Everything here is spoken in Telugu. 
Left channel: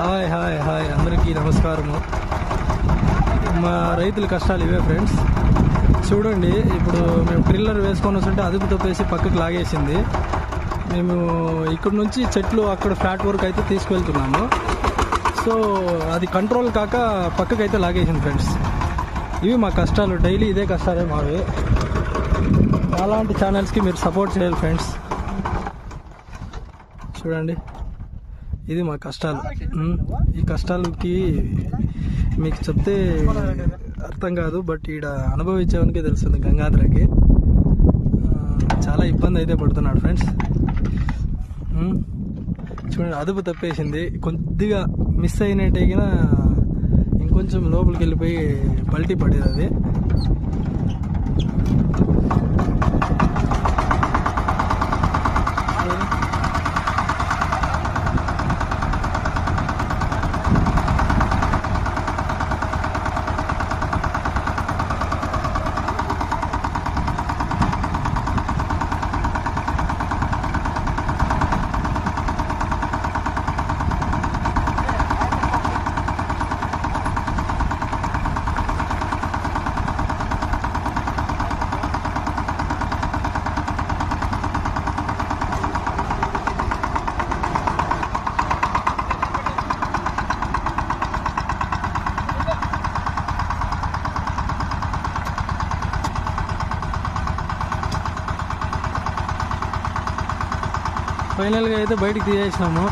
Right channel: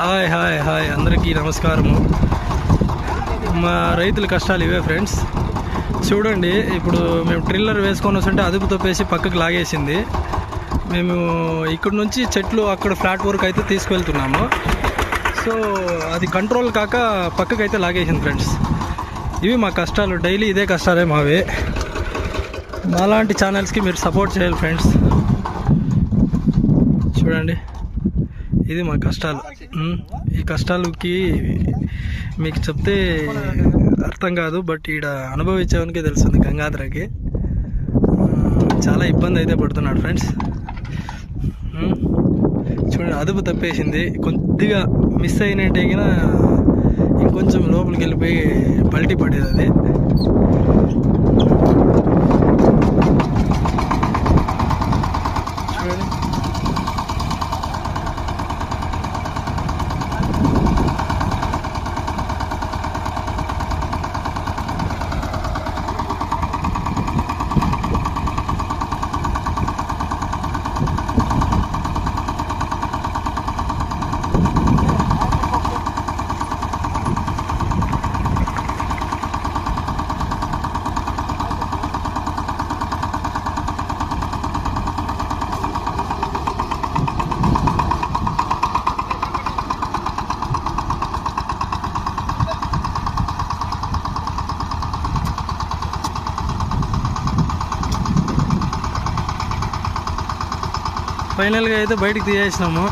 హాయ్ హాయ్ హాయ్ అందరికీ నమస్కారము. మా రైతుల కష్టాలు ఇవే ఫ్రెండ్స్. చూడండి, ఇప్పుడు మేము ట్రిల్లర్ వేసుకొని వస్తుంటే అదుపు తప్పేసి పక్కకు లాగేసింది. మేము ఇక్కడ నుంచి చెట్లు అక్కడ ఫ్లాట్ వరకు అయితే తీసుకువెళ్తున్నాము. సో అది కంట్రోల్ కాక పక్కకు అయితే లాగేసింది ఫ్రెండ్స్. ఇవి మా కష్టాలు, డైలీ ఇదే కష్టాలే మావి. అలాంటి ఛానల్స్కి మీరు సపోర్ట్ చేయాలి ఫ్రెండ్స్. చూడండి, ఇది మా కష్టాలు. ఈ కష్టాలకి మీకు చెప్తే అర్థం కాదు, బట్ ఈడ అనుభవించేవానికే తెలుస్తుంది. గంగాధరకి చాలా ఇబ్బంది అయితే పడుతున్నాడు ఫ్రెండ్స్. చూడండి, అదుపు తప్పేసింది. కొద్దిగా మిస్ అయినట్టే కినా ఇంకొంచెం లోపలికి వెళ్ళిపోయి పల్టీ పడేది అది. చూడండి, ఫైనల్గా అయితే బయటికి తీసేసినాము.